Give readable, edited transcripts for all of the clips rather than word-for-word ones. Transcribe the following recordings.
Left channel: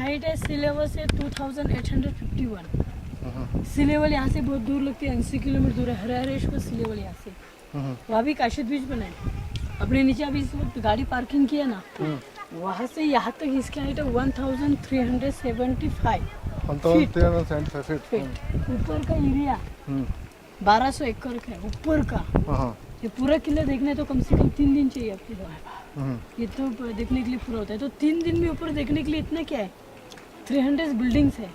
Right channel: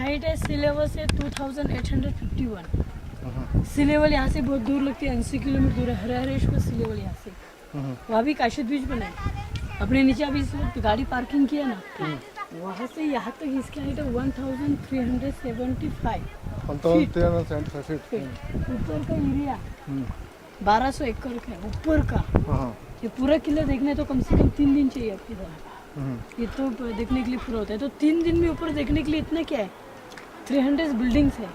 Height है सी level से 2851। सी level यहाँ से बहुत दूर लगती है, 80 किलोमीटर दूर है हरिहरेश्वर सी लेवल यहाँ से। वहाँ भी काशिद बीच बना है। अपने नीचे अभी इस वक्त गाड़ी पार्किंग किया ना, वहाँ से यहाँ तक इसकी हाइट है 1375 फीट। ऊपर का एरिया 1200 एकड़ का है ऊपर का। ये पूरा किला देखना है तो कम से कम 3 दिन चाहिए आपके साथ। ये तो देखने के लिए पूरा होता है, तो 3 दिन में ऊपर देखने के लिए इतना क्या है, 300 बिल्डिंग्स है,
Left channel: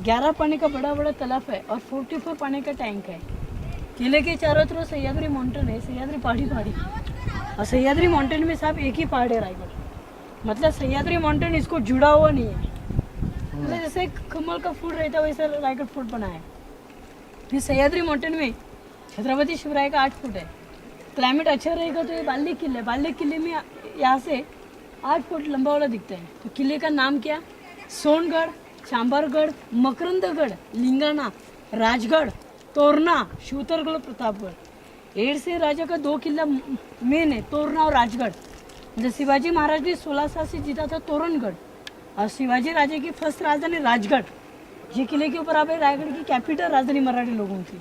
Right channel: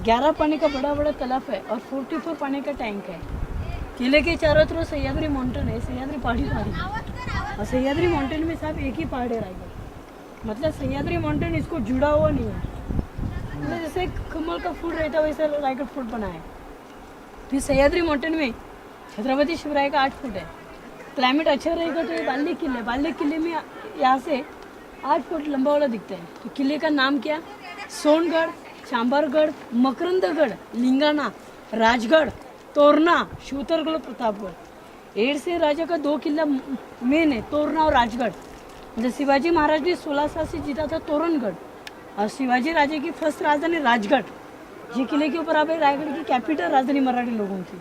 11 पानी का बड़ा बड़ा तालाब है और 44 पानी का टैंक है। किले के चारों तरफ सह्याद्री माउंटेन है, सह्याद्री पहाड़ी और सह्याद्री माउंटेन में साहब एक ही पहाड़ है रायगढ़। मतलब सह्याद्री माउंटेन इसको जुड़ा हुआ नहीं है, मतलब जैसे कमल का फूल रहता है वैसा रायगढ़ फूट बना है। फिर सह्याद्री माउंटेन में छत्रपति शिवराय का 8 फुट है। क्लाइमेट अच्छा रहेगा तो ये बाल्ली किले, बाल्ली किले में यहाँ से 8 फुट लंबा वाला दिखता है। तो किले का नाम क्या, सोनगढ़, चांबरगढ़, मकरंदगढ़, लिंगाना, राजगढ़, तोरना, शूतरगढ़, प्रतापगढ़। 8 से राजा का 2 किला मेन है, तोरना और राजगढ़। जब शिवाजी महाराज ने 16 साल से जीता था तोरणगढ़, और शिवाजी राजा की फर्स्ट राजधानी राजगढ़। ये किले के ऊपर आप रायगढ़ की कैपिटल राजधानी मराठी लोगों की।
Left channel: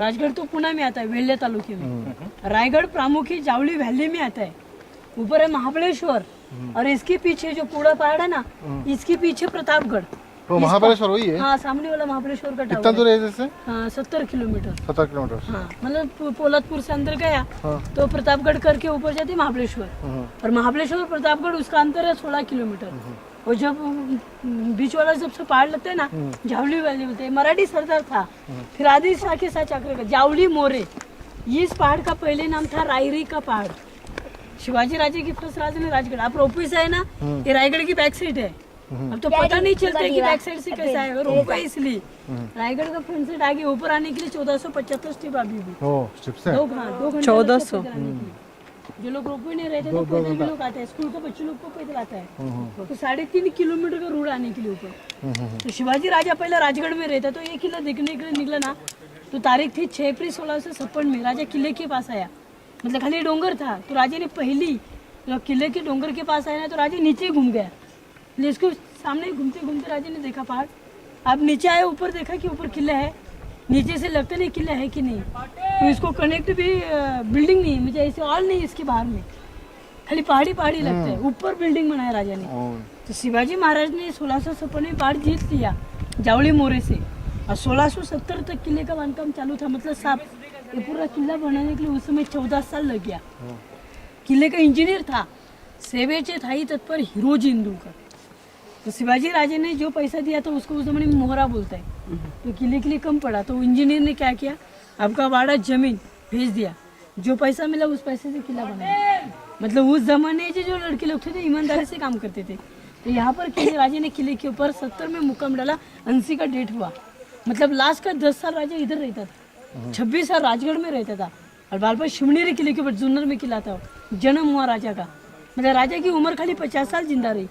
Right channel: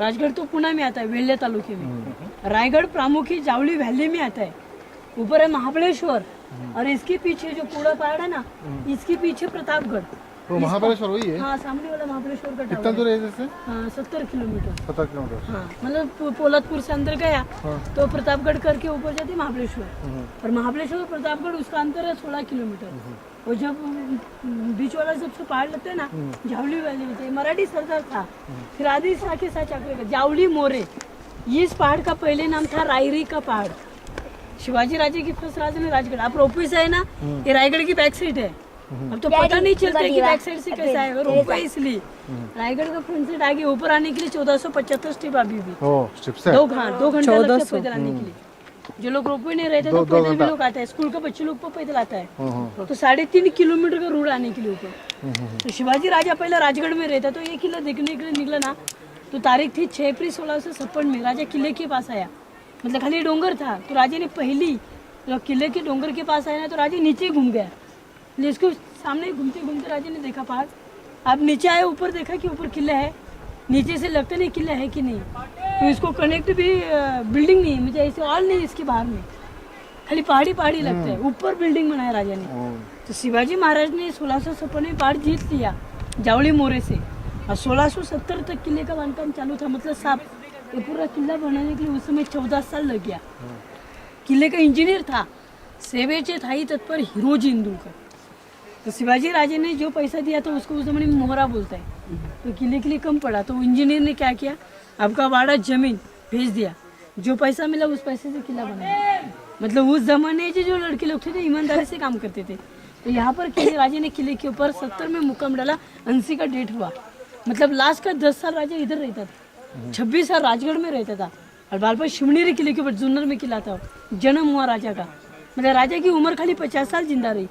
राजगढ़ तो पुणे में आता है, वेल्हे तालुके में। रायगढ़ प्रामुख्य जावली वैली में आता है। ऊपर है महाबलेश्वर और इसके पीछे जो पूरा पहाड़ है ना, इसके पीछे प्रतापगढ़। वो महाबलेश्वर वही है? हाँ, सामने वाला महाबलेश्वर का कितना दूर है जैसे? हाँ, 70 किलोमीटर। 70 किलोमीटर। हाँ, मतलब पोलतपुर से अंदर गया तो प्रतापगढ़ करके ऊपर जाते महाबलेश्वर, और महाबलेश्वर प्रतापगढ़ उसका अंतर है 16 किलोमीटर। और जब बीच वाला सबसे पहाड़ लगता है ना, जावली वैली बोलते हैं। मराठी सरदार था, फिर आदि शाह के साथ चक्र जावली मोरे। इस पहाड़ का पहले नाम था रायरी का पहाड़। शिवाजी राजे की फर्स्ट राजधानी राजगढ़। आप रोपवे से है ना, ये रायगढ़ की बैक साइड है। अब तो पता नहीं चलता कि बैक साइड से कैसा है, रोपवे इसलिए। रायगढ़ का फ्रंट साइड आगे ऊपर आने के लिए 1475 स्टेप अभी भी। स्टेप्स है? 2 घंटे लगते पैदल आने के लिए। जो लोग रोपवे नहीं रहते तो पैदल भी लोग आते हैं, स्कूल के बच्चे लोग को पैदल आता है। तो 3.5 किलोमीटर का रोड आने के लिए ऊपर। तो शिवाजी राजा पहले राजगढ़ में रहता, तो ये किला देखने के लिए निकला ना, तो तारीख थी 6 अप्रैल 1656 में। राजा किले के पास आया, मतलब खाली डोंगर था, तो राजा ने पहली जब किले के डोंगर के पास आया ना, तो राजा नीचे घूम गया। इसको सामने घूमते घूमते राजा ने देखा पहाड़। आप नीचे आए, ऊपर देखा कि ऊपर किला है, नीचे से लगता नहीं किला है कि नहीं। तो इसको कनेक्ट भी बिल्डिंग नहीं, मुझे ऐसे ऑल नहीं इसके बाहर में, खाली पहाड़ी पहाड़ी लगता है। ऊपर बिल्डिंग बनाया राजा ने। तो शिवाजी महाराज ने 1656 में पहाड़ जीत लिया जावली मोरे से, और 1670 तक किले का बांधकाम चालू था। मतलब साहब ये पूरा किला बनाने के लिए उस समय 14 साल लग गया। किले का इंजीनियर था सेवेचे थाई तत्पर हिरोजी इंदुलकर। तो शिवाजी राजे ने जो पैसा दिया तो उसको उस जमाने में मोहरा बोलता है, तो किले के लिए कम पड़ा। तो इंजीनियर ने क्या किया, आपका वाड़ा जमीन भेज दिया, जो पैसा मिला उस पैसे से किला बनाया। मतलब उस जमाने के जो लड़के लोग थे ईमानदारी से काम करते थे। तो यहाँ पर किले राजे ने किले के ऊपर 70 में मुकाम डाला, 80 का डेट हुआ। मतलब लास्ट का 10 साल राजा इधर रहता था, 26 साल राजगढ़ में रहता था, और बालपा शिवनेरी किले के ऊपर जुन्नर में किला था। जन्म हुआ राजा का, मतलब राजा की उम्र खाली 50 साल जिंदा रही,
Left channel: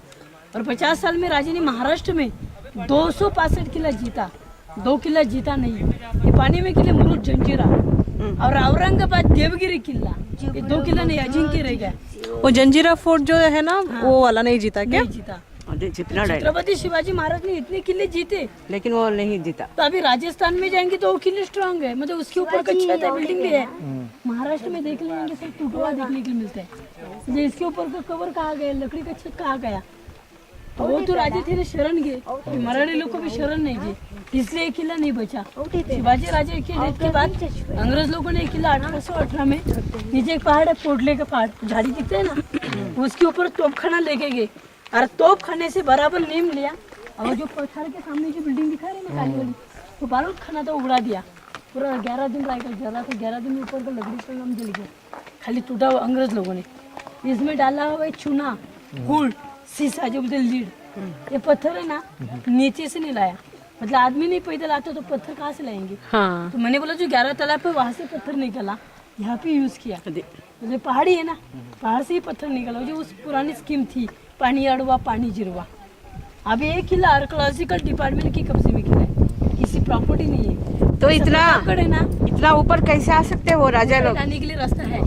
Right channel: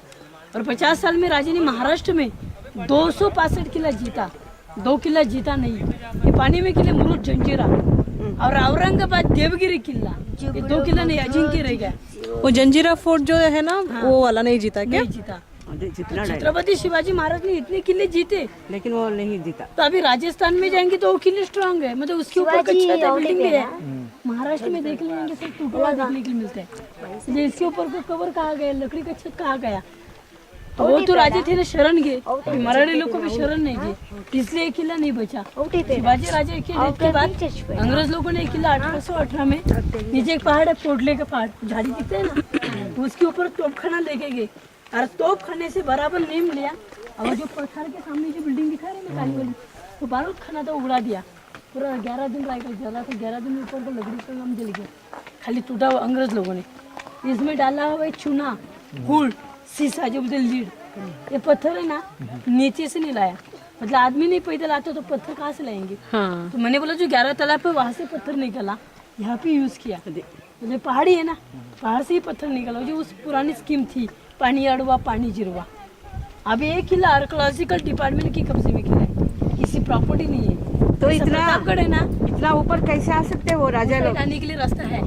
और 50 साल में राजा ने महाराष्ट्र में 265 किला जीता, 2 किला जीता नहीं। ये पानी में किले मुरुड जंजीरा और औरंगाबाद देवगिरी किला, ये 2 किला नहीं, अजिंक्य रह गया। वो जंजीरा फोर्ट जो है ना, वो वाला नहीं जीता क्या? नहीं जीता। छत्रपति शिवाजी महाराज ने इतने किले जीते, लेकिन वो नहीं जीता। तो अभी राजस्थान में जाएंगे तो वो किले स्ट्रांग है, मतलब उसके ऊपर का छत है, बिल्डिंग भी है। महाराष्ट्र में देख लेंगे सब टूटा हुआ देखने के लिए मिलता है। इसके ऊपर का कवर कहा गया, लकड़ी का छत कहा गया, तो वो तो राजे थे ना शरण गए, मराठी लोग को भी शरण नहीं गए, इसलिए ये किला नहीं बचा। शिवाजी राजे के डेथ के बाद अंग्रेज लोगों ने किला 1818 में, नीचे एक पहाड़ है पोटले का पहाड़, झाड़ी दिखते है ना, उसके ऊपर तोपखाना लेके गए, और तोप खाने से बराबर नीम लिया, और जो पत्थर के सामने जो बिल्डिंग दिखा रहे हैं काली वाली, तो बारूद खाना तो उड़ा दिया। पूरा 11 दिन रायगढ़ जला था, 11 दिन ऊपर का लकड़ी का काम जल गया, खाली टूटा हुआ अंग्रेज लोगों ने। इसमें डाला हुआ चूना, गुड़, शीशा जो बोलते लीड, ये पत्थर है ना, नीचे से नहीं लाया। मतलब आदमी नहीं पैदल आता तो पत्थर कहाँ से लाएंगे। हाँ। तो मैंने बोला जो 11 तालाब है वहाँ से पत्थर निकला, यहाँ पे यूज किया। मतलब पहाड़ी है ना, पहाड़ से ही पत्थर निकला, जो उस पुरानी स्कीम थी, पानी अड़वा पानी जिरवा। अब ये किला आर्कोलॉजिकल डिपार्टमेंट की कब्जे में किला है, किसी प्रॉपर्टी नहीं है। तो इतना है ना, इतना ऊपर कैसे आ सकते हैं वो राजा लोग? आने के लिए रास्ता है,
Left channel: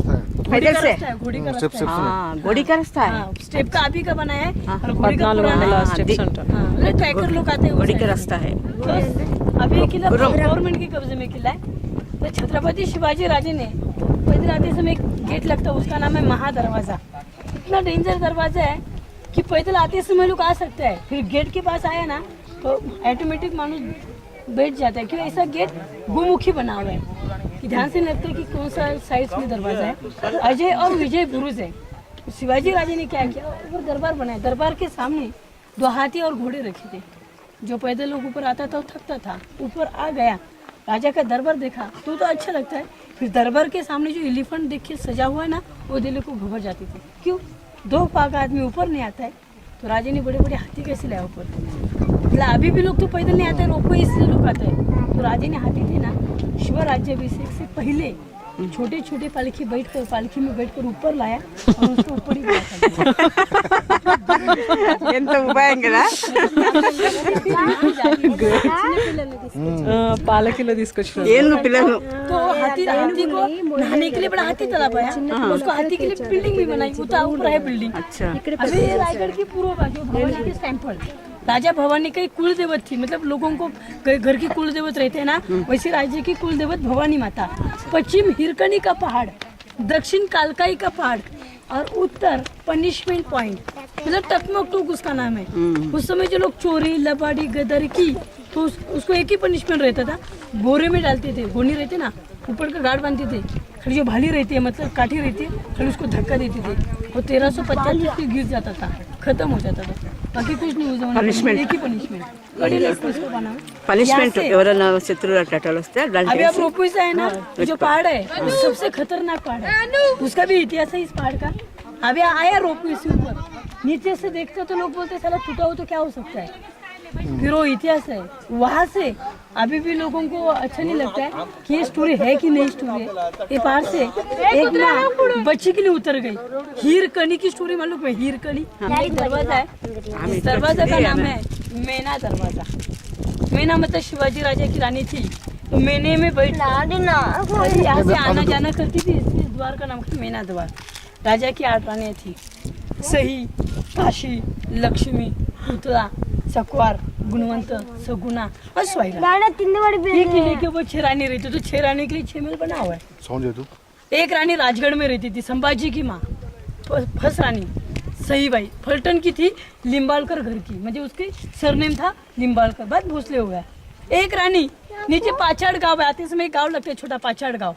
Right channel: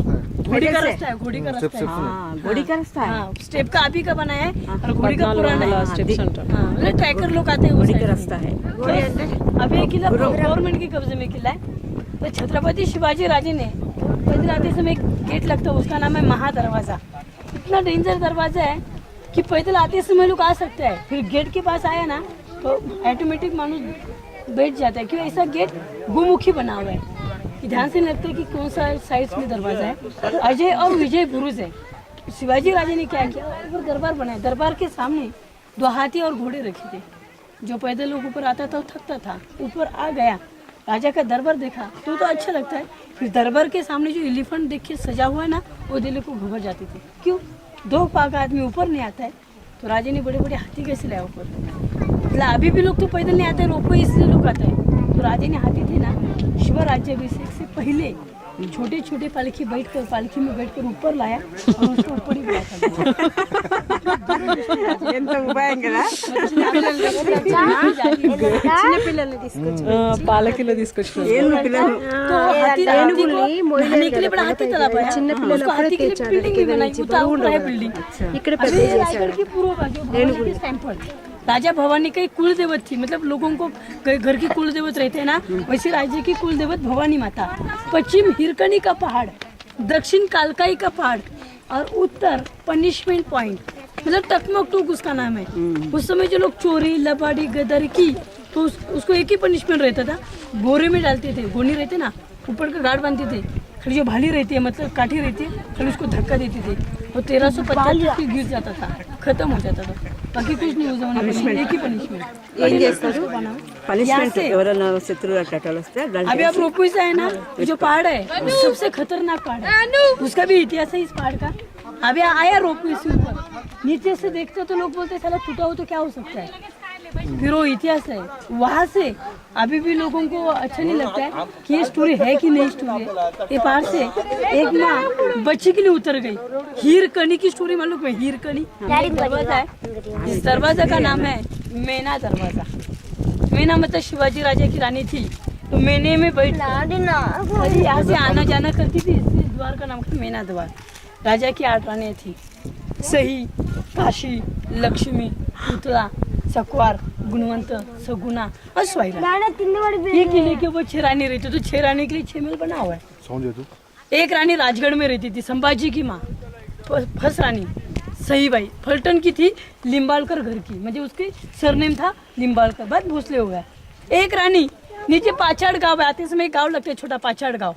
घोड़ी का रास्ता है, घोड़ी का रास्ता है। हाँ घोड़ी का रास्ता है। हाँ, स्टेप का अभी का बनाया है और घोड़ी का पुराना है। स्टेप सेंटर हाँ, मतलब ट्रैकर लोग आते हैं उस घोड़ी का side रास्ता है। में। अभी ये किला गवर्नमेंट के कब्जे में किला है। तो छत्रपति शिवाजी राजे ने पैदल आते समय एक गेट लगता है, उसका नाम है महादरवाजा। इतना डेंजर दरवाजा है कि पैदल आते समय लोग आ सकते हैं। फिर गेट के पास आया ना तो ऑटोमेटिक मानुष बैठ जाता है, क्यों ऐसा गेट गुमुखी बना हुआ है कि ध्यान से नहीं लगता कि कौन सा साइड में दरवाजा है। अजय और विजय बुरुज है। शिवाजी राजे ने क्या किया, ऊपर दरबार बनाया। दरबार के सामने 2 हाथी और घोड़े रखे थे। जो पैदल लोग ऊपर आता था वो थकता था, ऊपर आ गया, राजा का दरबार देखा तो अच्छा लगता है। फिर दरबार के सामने जो एलिफेंट देख के सजा हुआ है ना, वो दिल को घबर जाते थे। क्यों, 2 पाग आदमी ऊपर नहीं आता है तो राजा ने बड़े बड़े हाथी कैसे लाया ऊपर। मतलब अभी भी लोग तो पैदल नहीं आते, रोपवे इसलिए लोग आते हैं। तो राजा ने हाथी थे ना, शिव राज्याभिषेक से पहले छोटे छोटे पालकी में बैठकर ऊपर लाया और उसको ऊपर ही ఎంత భయంకరా పాలకిలో తీసుకొచ్చిన ఏను పిల్లలు तो हाथी को नहाने के लिए बड़ा हाथी तालाब है। उसको हाथी के लिए बिल्डिंग भी बनाई, ऊपर है बिल्डिंग। अभी रायगढ़ की पूर्व बाजू भवानी के टेम्पल, राजा भवानी का कुल देवत थी। मतलब लोगों को घर की कुल देवत रहते हैं ना, वैसे राज्य की कुल देवत भवानी माता। पश्चिम हिरकनी का पहाड़, दक्षिण कालकाई का पहाड़ और उत्तर पनिशमेंट पॉइंट, मतलब टकमक टूक उसका नाम है। उस समय जो लोग चोरी लबाड़ी गदर की तो उसको एक ही पनिशमेंट रहता था, बोरे में डालते थे। गोनी रहते ना, ऊपर का गार्ड बांधते थे, खाली जो भाली रहती है मतलब काठी रहती है, खाली उसको धक्का देते थे और 1350 पे गिर जाता था, खत्म हो जाता था। बाकी कुछ नहीं, उस जमाने एक ही पनिशमेंट పనిష్మెంట్ ఎవరైనా శత్రువులు అట్లా వస్తే अभी आप रोपवे से है ना, जो पहाड़ है वो सबसे खतरनाक पहाड़ है। उसका भी इतिहास है इस पहाड़ का। अभी आया रोपवे से ऊपर, नीचे से देखते तो लोग बोलते साला टूटा हो तो क्या हो सकता है, फिर वो इतिहास है। वहाँ से अभी भी लोगों को अच्छा नहीं लगता है कि ये स्टोरी है कि नहीं स्टोरी है। ये पहाड़ से एक माँ बच्ची के लिए उतर गई। हीरकनी की स्टोरी मालूम है, हीरकनी दरवाजा है। इस दरवाजा का नाम है मेना दरवाजा। मेना मतलब शिवाजी राजा की रानी थी, तो मेने में बैठ यहाँ से आना जाना करती थी, इसलिए इस द्वार का नाम था मेना द्वार। राजा की 8 रानियां थी, सही, काशी, लक्ष्मी, पुतला, सकवार, गुणवंत, सगुना और स्वाइरा। ये किले के वो 6 रानी रहती, तो 6 रानी के लिए 6 महल बना हुआ है। समझ तू एक रानी राजगढ़ में रहती थी, संभाजी की माँ। फर्स्ट रानी सही भाई फलटन की थी, लिम्बालकर घर की, मतलब उसके सरनेम था लिम्बालकर, बाद भोसले हो गया। एक रानी नीचे पाछाड़ गांव आते समय एक गांव लगता है छोटा पाछाड़ गांव,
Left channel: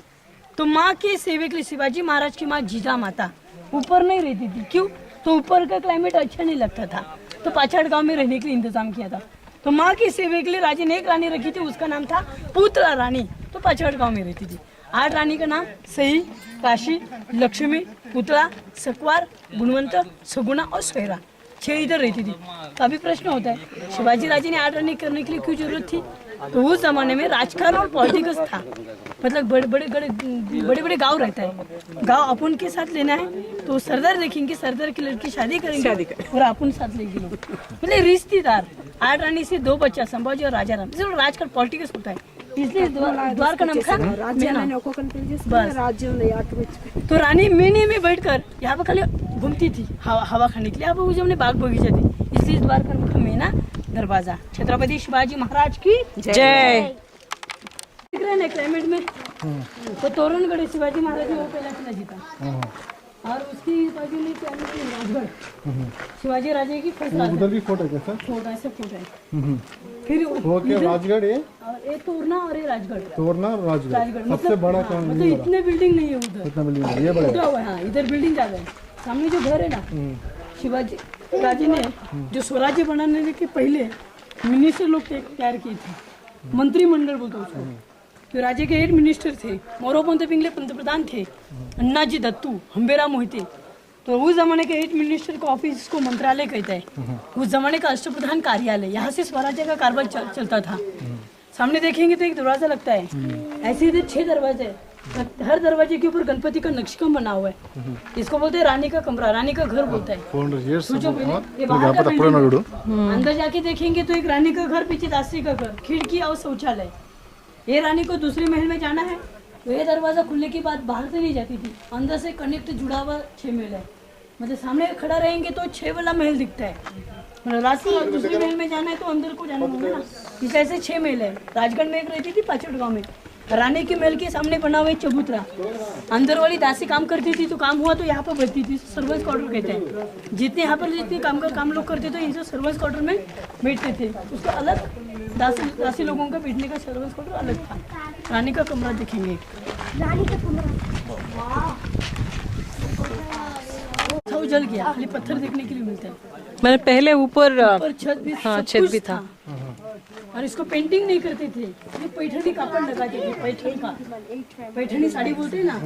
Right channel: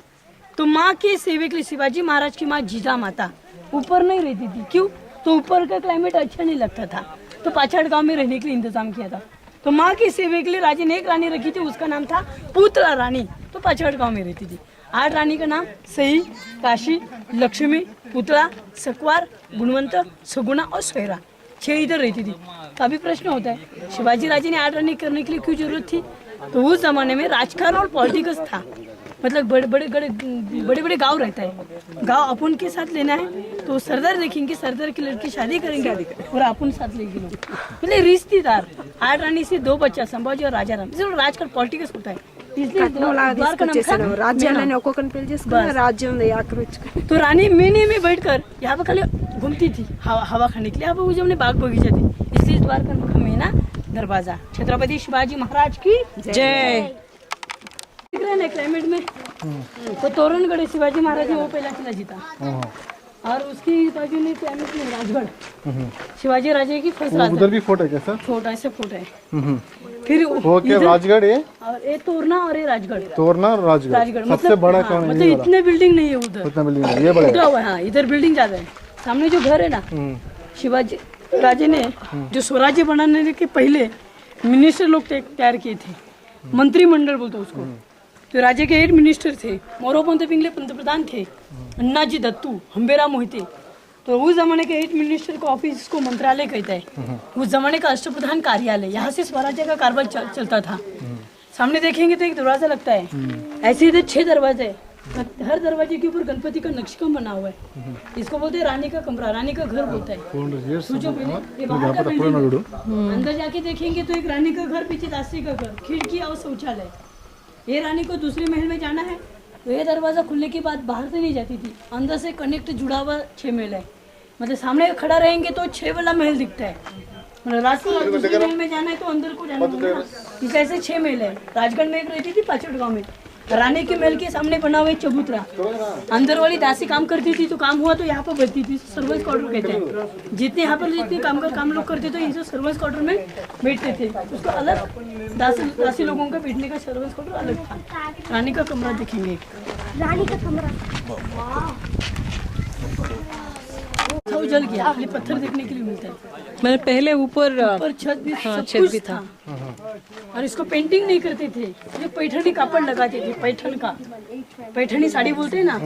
तो माँ के सेवे के लिए शिवाजी महाराज की माँ जीजा माता ऊपर नहीं रहती थी। क्यों, तो ऊपर का क्लाइमेट अच्छा नहीं लगता था, तो पाछाड़ गांव में रहने के लिए इंतजाम किया था। तो माँ की सेवे के लिए राजा ने एक रानी रखी थी, उसका नाम था पुतला रानी, तो पाछाड़ गांव में रहती थी। 8 रानी का नाम सही, काशी, लक्ष्मी, पुतला, सकवार, गुणवंत, सगुना और स्वैरा, 6 इधर रहती थी। तो अभी प्रश्न होता है शिवाजी राजा ने 8 रानी करने के लिए क्यों जरूरत थी। तो उस जमाने में राजकारण और पॉलिटिक्स था, मतलब बड़े बड़े गांव रहता है, गांव अपन के साथ लेना है तो सरदार देखेंगे, सरदार की लड़की शादी करेंगे और अपन साथ लेंगे लोग, मतलब रिश्तेदार। 8 रानी से 2 बच्चा संभाजी और राजा राम, राजकारण पॉलिटिक्स होता है, इसलिए द्वार का नाम था बस। तो रानी मेने में बैठकर यहाँ पे खाली घूमती थी हवा खाने के लिए। यहाँ पे वो जो बाग बगीचा थी, इसलिए द्वार का नाम मेना दरवाजा। छत्रपति शिवाजी महाराज की जय। दिख रहे ना क्लाइमेट में, तो तोरणगढ़ है, शिवाजी महाराज ने वो पहला किला जीता, और उसकी बाजू में राजगढ़, शिवाजी राजे की फर्स्ट राजगढ़। उधर भी फोर्ट है क्या सर? फोर्ट ऐसे फोर्ट है। फिर वो क्या राजगढ़ है, और ये तोरना और ये राजगढ़। तोरना राजगढ़ सबसे बड़ा कौन है? मतलब इतने बिल्डिंग नहीं है उधर, उतना बिल्डिंग है, ये बड़ा है। हाँ, इधर बिल्डिंग ज्यादा है। सामने जो घर है ना, शिवाजी राजे ने जो स्वराज्य बनाने के पहले मिनिस्टर लोग तैयार किए थे, मंत्रिमंडल बोलते उसको। तो राजे के 8 मिनिस्टर थे, मोरोपंत पिंगले पंतप्रधान थे, अन्नाजी दत्तू, हम्बेरा मोहिते। तो उस जमाने के 8 मिनिस्टर को ऑफिस को मंत्रालय कहता है। उस जमाने का अष्टप्रधान कार्यालय, यहाँ से स्वराज्य का कारभार चलता था। सामने देखेंगे तो एक दरवाजा लगता है, ऐसे इधर 6 दरवाजे, हर दरवाजे के ऊपर गणपति का नक्शकम बना हुआ है। इसको बोलते हैं रानी का कमरा, रानी का घर बोलता है। ये बाहर का बिल्डिंग, अंदर जाके देखेंगे तो एक रानी का घर, पीछे दासी का घर, खिड़की और शौचालय। ये रानी को दूसरे महल में जाना है तो ये दरवाजा खुलने के बाद बाहर से नहीं जाती थी, अंदर से कनेक्ट जुड़ा हुआ 6 महल है। मतलब सामने खड़ा रहेंगे तो 6 वाला महल दिखता है, मतलब रात को दूसरे महल में जाना है तो अंदर को जाना होगा ना। इस ऐसे 6 महल है। राजगढ़ में एक रहती थी पाचड़ गाँव में, रानी के महल के सामने बना हुआ एक चबूतरा, अंदर वाली दासी काम करती थी तो काम हुआ तो यहाँ पर बैठती थी, सर्वेंट्स क्वार्टर कहते हैं। जितने यहाँ पर जितने काम लोग करते थे इसे सर्वेंट्स क्वार्टर में बैठते थे। उसका अलग दासी लोगों का बैठने का सर्वेंट्स क्वार्टर अलग था। रानी का कमरा दिखेंगे, रानी का कमरा। वो जल गया, खाली पत्थर देखने के लिए मिलता है। मैंने पहले ऊपर पर छत भी हाँ, सब छत कुछ भी था। और इसको पेंटिंग नहीं करते थे, ये पैठनी कापड़ लगाते थे, पैठनी साड़ी बोलते हैं ना।